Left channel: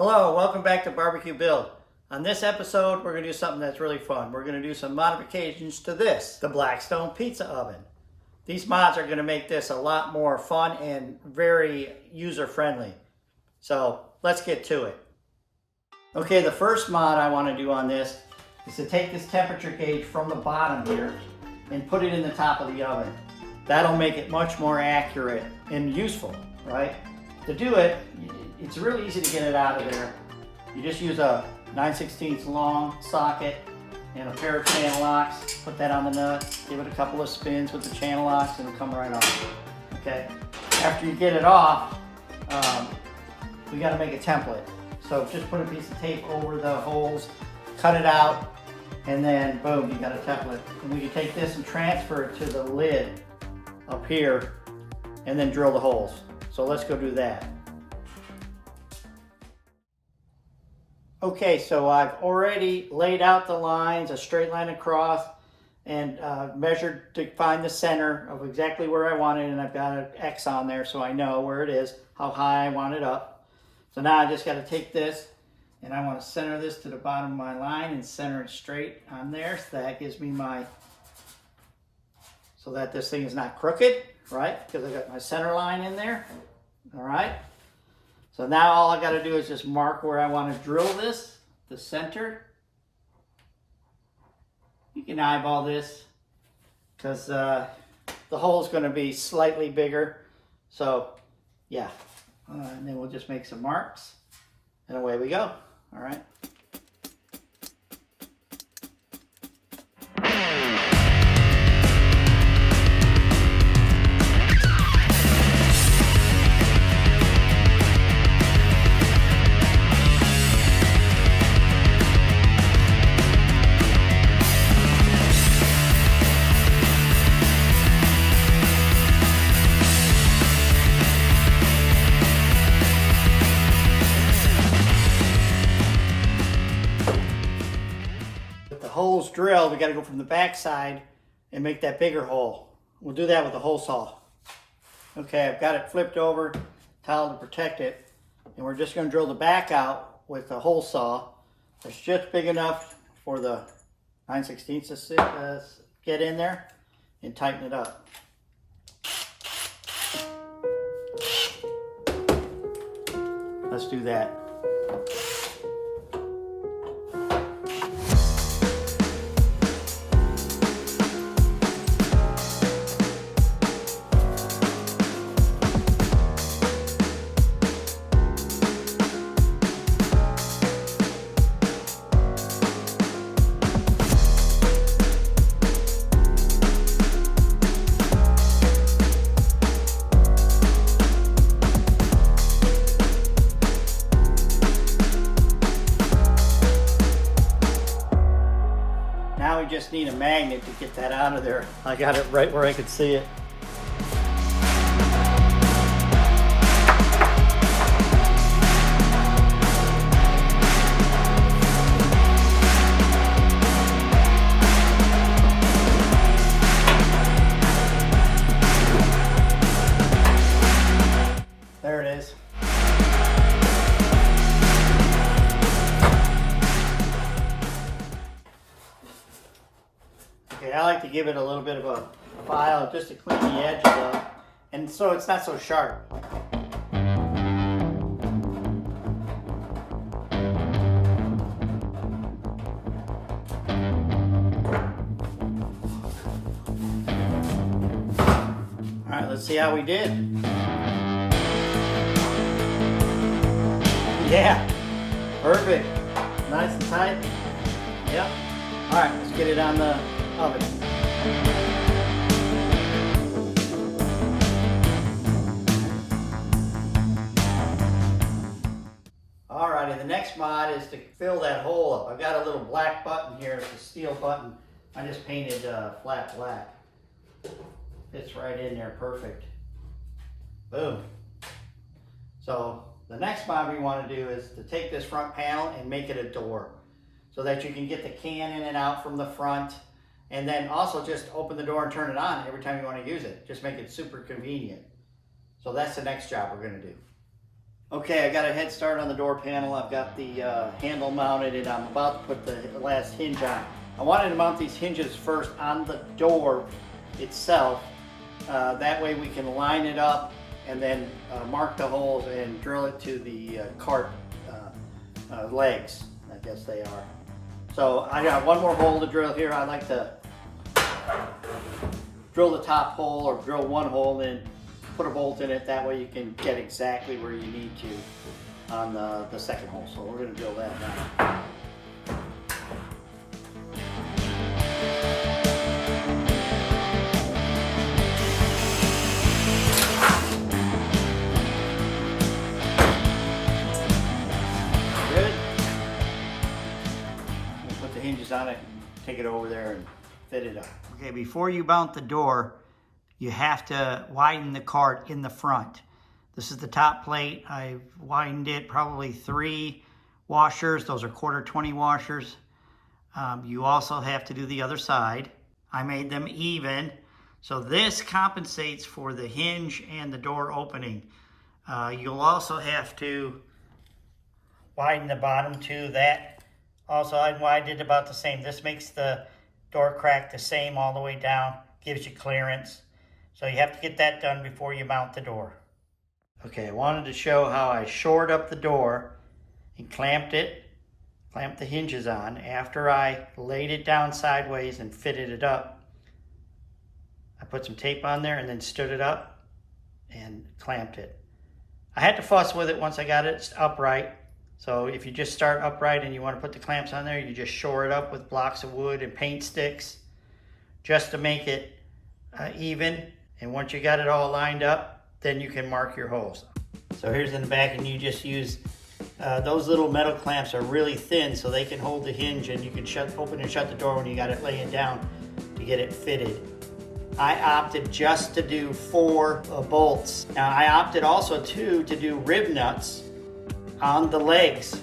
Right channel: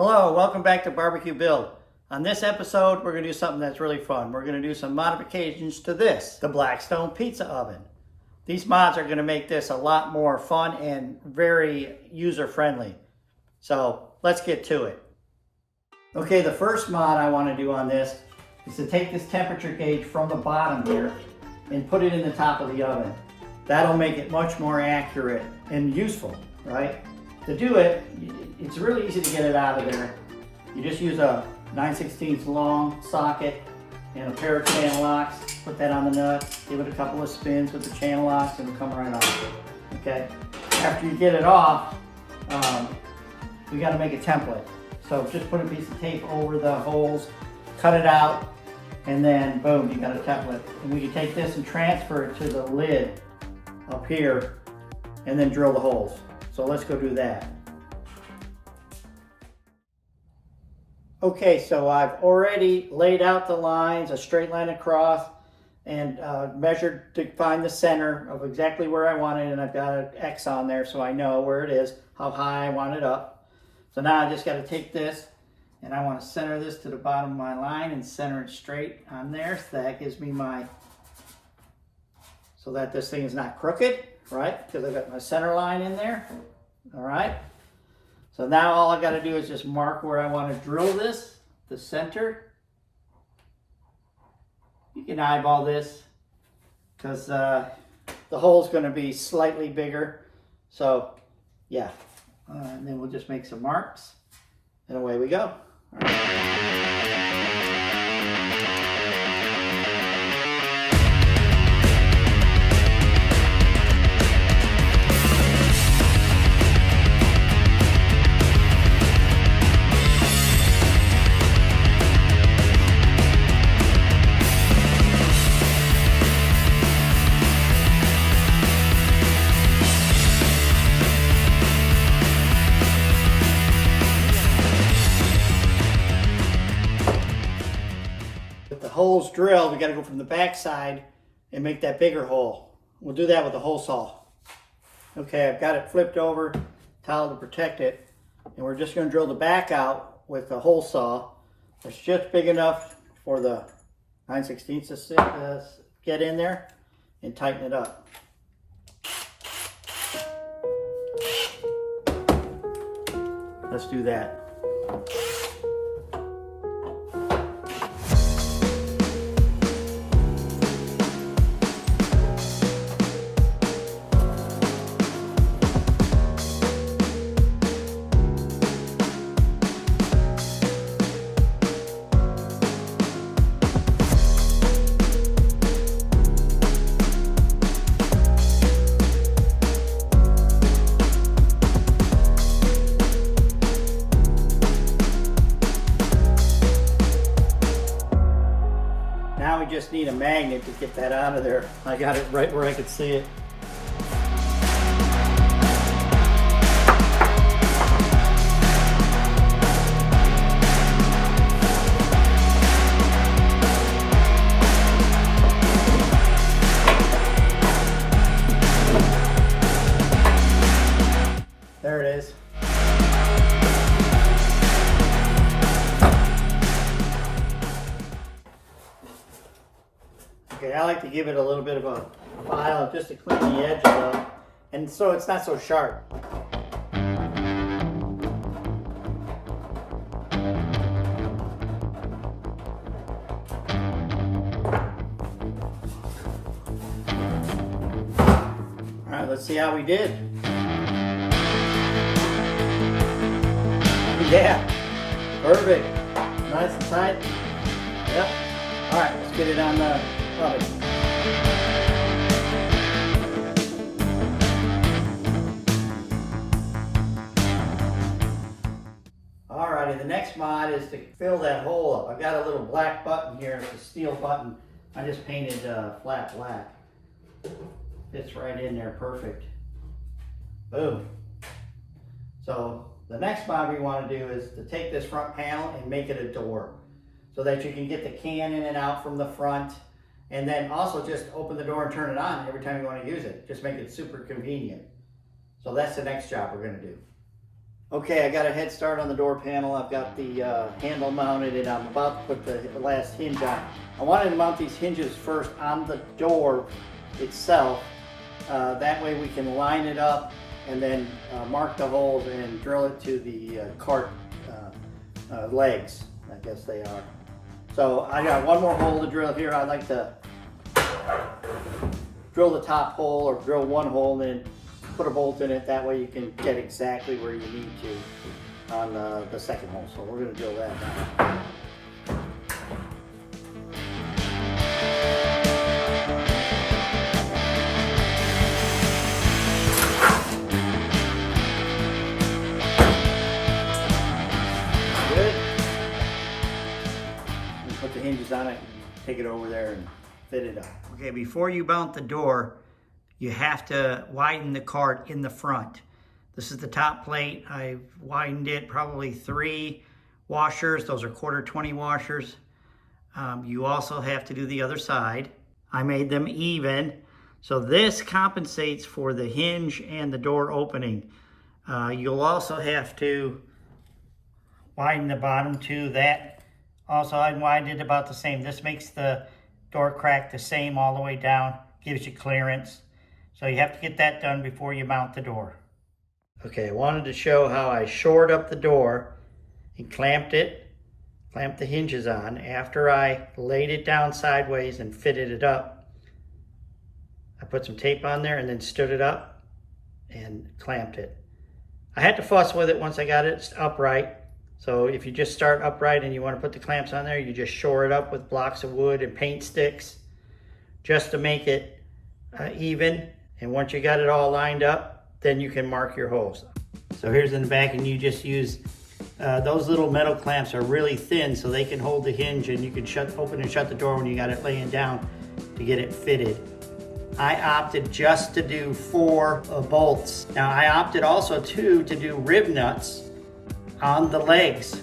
Hello, welcome back to Barbecue Build. On this episode, we're going to do something that's really fun. We're going to do some modifications to this, the Blackstone pizza oven. These mods are going to make this a lot more fun and very user-friendly. So let's get to it. Okay, the first mod I want to do on this is to take this temperature gauge from the bottom here and put it in the top of the oven. That'll make it much more accurate and useful, right? To do it, it's really easy to get it out of there. You just use a 9/16 long socket and a pair of channel locks. Put that on the nut, give it a couple of spins with the channel locks and it'll come right off. Okay. After you get it off, we got to make a template. So just put a piece of tape over the holes, cut it out, and then boom, you got a template. And we can take this and transfer it to the lid up here and then drill the holes. So let's go do that. Okay, so I've already laid out the lines, a straight line across, and measured to find the center of exactly where I want it, and I've got an X on there so I know where it is, how high I want it up. So now I just got to take this, and I want to center this to the bottom of my line and center it straight on there, so that gives me so that this thing is not crooked, right? Because I got my center line in there, all right? So now all I got to do is just mark where I want to drill this, the center. You can eyeball this because the hole is going to be slightly bigger. So yeah, and then we'll just make some marks and away we go. All right. Holes drilled, we got to go from the back side and make that bigger hole. We'll do that with the hole saw. Okay, I've got it flipped over, towel to protect it, and we're just going to drill the back out with the hole saw. It's just big enough for the 9/16 to get in there and tighten it up. Let's do that. Now we just need a magnet to get that out of there. I got it right where I could see it. There it is. Okay, I like to give it a little bit of a file just to clean the edges up, and so it's not so sharp. All right, let's see how we did. Yeah, perfect. Nice and tight. Yep. All right, let's get it on the oven. Alrighty, the next mod is to fill that hole up. I've got a little black button here, it's a steel button. I just painted flat black. Fits right in there, perfect. Boom. So the next mod we want to do is to take this front panel and make it a door so that you can get the can in and out from the front. And then also just open the door and turn it on every time you want to use it. Just make it super convenient. So that's the next job we're going to do. Okay, I got a head start on the door panel. I've got the handle mounted and I'm about to put the last hinge on. I wanted to mount these hinges first on the door itself. That way we can line it up and then mark the holes and drill it to the cart legs, I guess they are. So I got one more hole to drill here. I like to drill the top hole or drill one hole and put a bolt in it. That way you can get exactly where you need to on the second hole. So we're going to drill that now. Good. We'll put the hinges on it and take it over there and fit it up. Okay, before you mount the door, you have to widen the cart in the front. This is the top plate. I've widened it probably 3 washers. Those are 1/4 washers. You also have to do the other side. I made them even. So this compensates for the hinge and the door opening. You'll also have to widen the bottom too. That also I widened it about the same. This makes the door crack the same all the way down, gives you clearance. So you have to get that done before you mount the door. Okay, I wanted to show how I shored up the door and clamped the hinges on. After I laid it down sideways and fitted it up, I put some tape on there and then stood it up and clamped it. I had to fuss with it once I got it upright. So if you just start upright and you want to put the clamps on there, you just shore it up with blocks of wood and paint sticks just to make it even. And once you got it all lined up, then you can mark your holes. So here's in the back, and you just use, those little metal clamps are really thin so they can hold the hinge, and you can open and shut the door when you got it laying down to get it fitted. I opted just to do 4 bolts. Now I opted also too to do rib nuts on the legs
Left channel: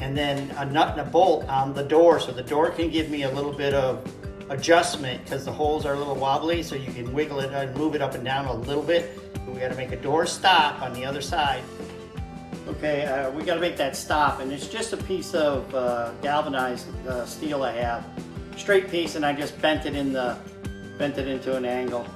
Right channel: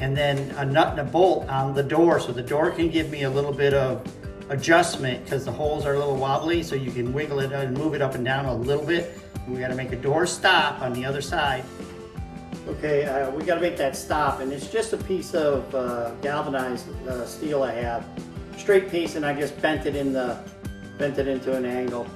and then a nut and a bolt on the door, so the door can give me a little bit of adjustment because the holes are a little wobbly, so you can wiggle it and move it up and down a little bit. We got to make a door stop on the other side. Okay, we got to make that stop, and it's just a piece of galvanized steel I have, straight piece, and I just bent it into an angle,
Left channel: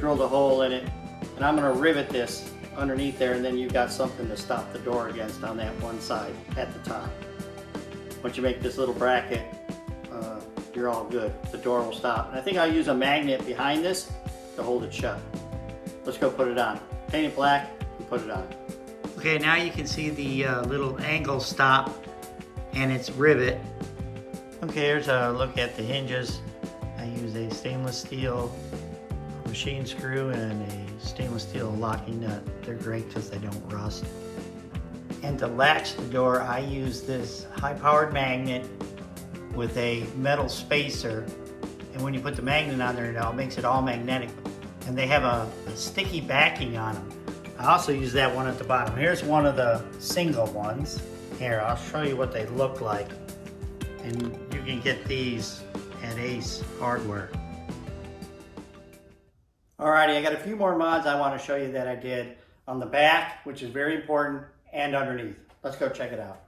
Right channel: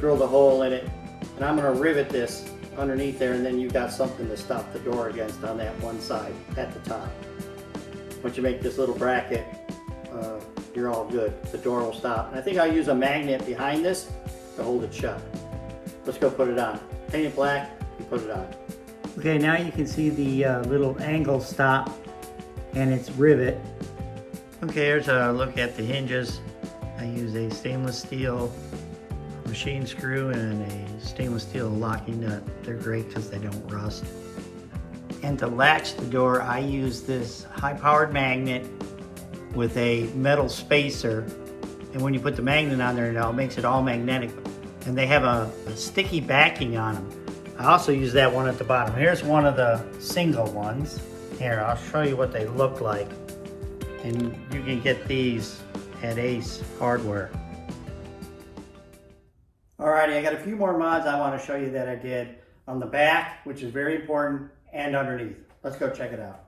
drilled a hole in it, and I'm going to rivet this underneath there, and then you got something to stop the door against on that one side at the top. Once you make this little bracket, you're all good. The door will stop. And I think I'll use a magnet behind this to hold it shut. Let's go put it on. Paint it black and put it on. Okay, now you can see the little angle stop and its rivet. Okay, here's a look at the hinges. I use a stainless steel machine screw and a stainless steel locking nut. They're great because they don't rust. And to latch the door, I use this high-powered magnet with a metal spacer, and when you put the magnet on there, it makes it all magnetic, and they have a sticky backing on them. I also use that one at the bottom. Here's one of the single ones. Here, I'll show you what they look like, and you can get these at Ace Hardware. Alrighty, I got a few more mods I want to show you that I did on the back, which is very important, and underneath. Let's go check it out.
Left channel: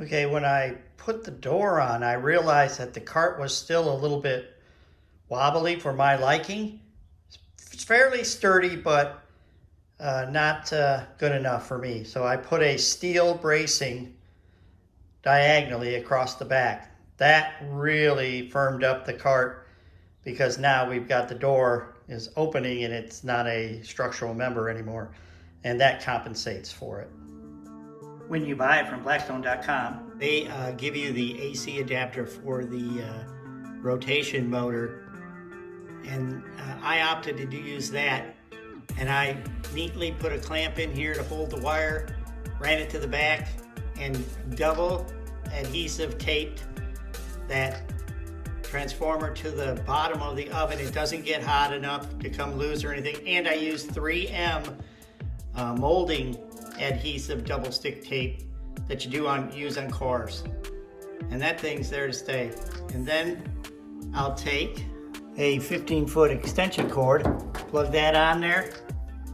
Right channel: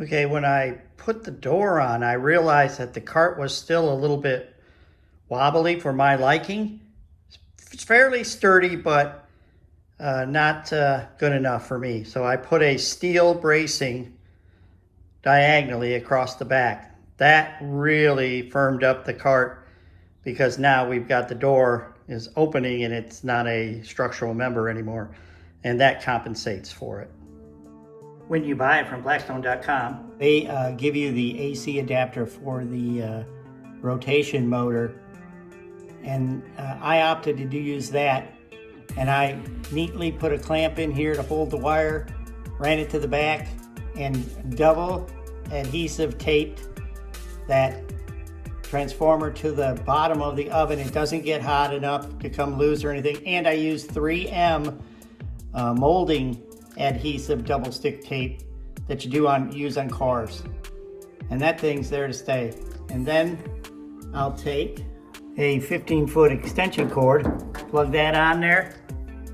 Okay, when I put the door on, I realized that the cart was still a little bit wobbly for my liking. It's fairly sturdy, but not good enough for me. So I put a steel bracing diagonally across the back. That really firmed up the cart because now we've got the door is opening and it's not a structural member anymore. And that compensates for it. When you buy it from Blackstone.com, they give you the AC adapter for the rotation motor, and I opted to use that, and I neatly put a clamp in here to hold the wire, ran it to the back, and double adhesive taped that transformer to the bottom of the oven. It doesn't get hot enough to come loose or anything, and I used 3M molding adhesive double stick tape that you use on cars, and that thing's there to stay. And then I'll take a 15-foot extension cord, plug that on there,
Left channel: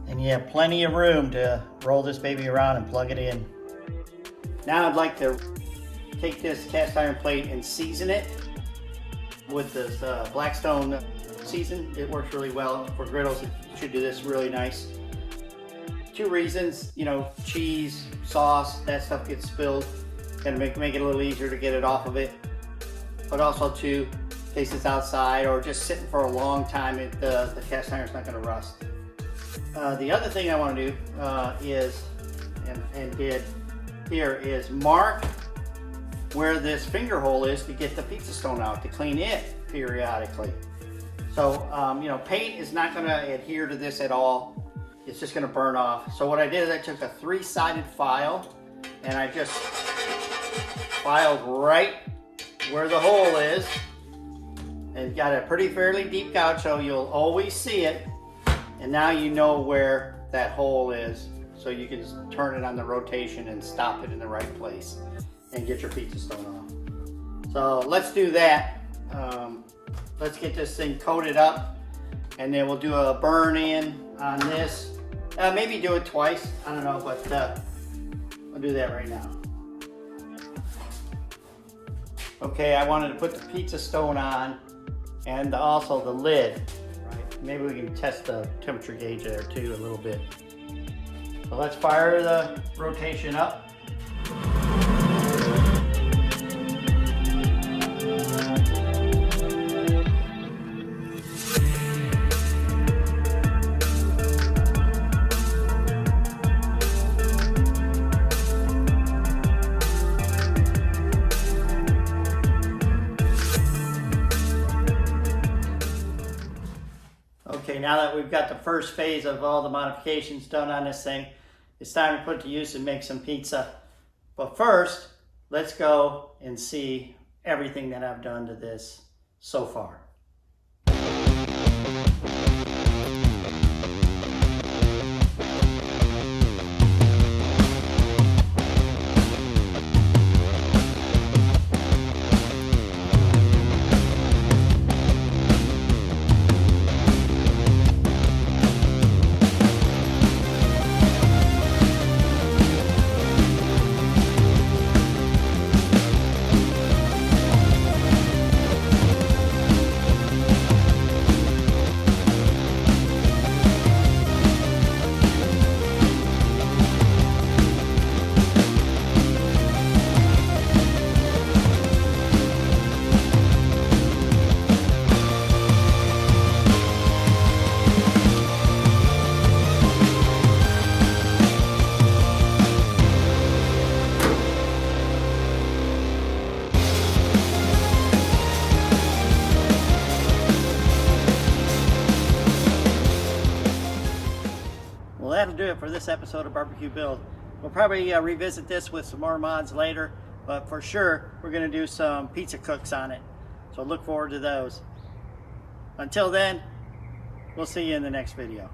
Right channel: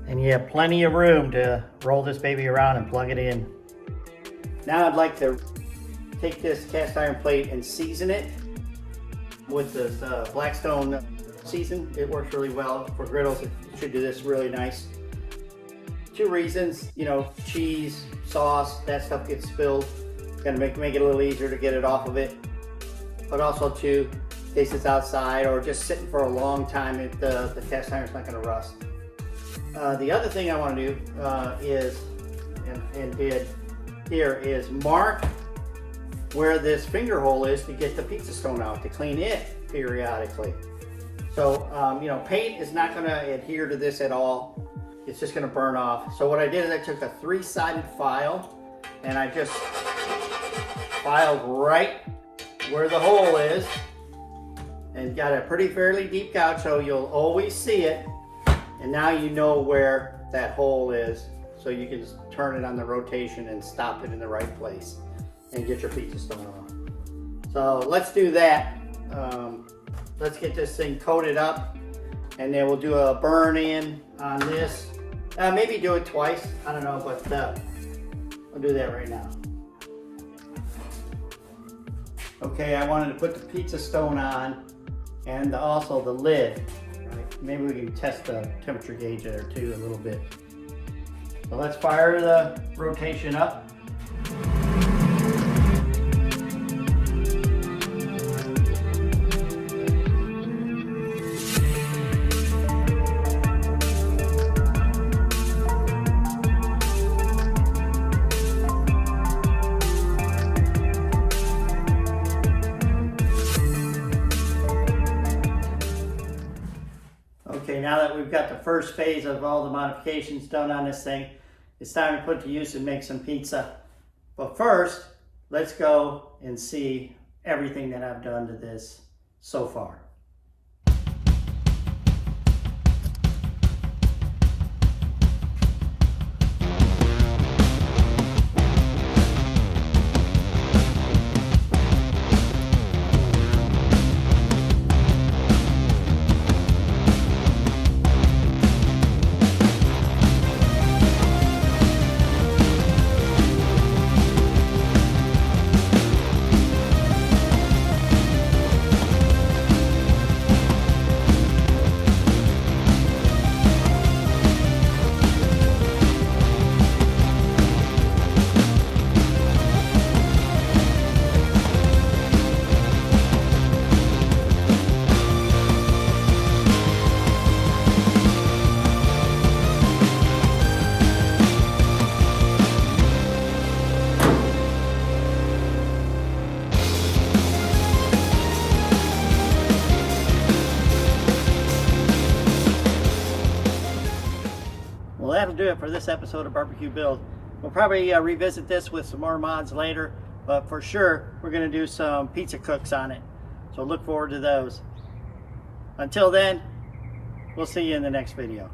And you have plenty of room to roll this baby around and plug it in. Now I'd like to take this cast iron plate and season it with this Blackstone season. It works really well for griddles. It should do this really nice. 2 reasons, you know, cheese, sauce, that stuff gets spilled. Gonna make it a little easier to get it off of it. But also too, in case it's outside or just sitting for a long time, the cast iron's not gonna rust. The other thing I want to do is, and did here, is mark where this finger hole is to get the pizza stone out, to clean it periodically. So, you know, paint is not going to adhere to this at all. It's just going to burn off. So what I did is I took a 3-sided file and I just filed right where the hole is, and got a pretty fairly deep gouge so you'll always see it. And now you know where that hole is, so you can just turn it on the rotation and stop it in the right place and get your pizza stone off. So let's do that. Let's get this thing coated up, and then we'll do a burn in on this. Maybe do it twice, I don't know, but I'll do that right now. Okay, I wanted to put the pizza stone on and also the lid. Maybe we can test the temperature gauge there too a little bit. So let's fire the rotation up. Okay, now that we've got the first phase of all the modifications done on this thing, it's time to put it to use and make some pizza. But first, let's go and see everything that I've done to this so far. Well, that'll do it for this episode of Barbecue Build. We'll probably revisit this with some more mods later, but for sure we're going to do some pizza cooks on it. So look forward to those. Until then, we'll see you in the next video.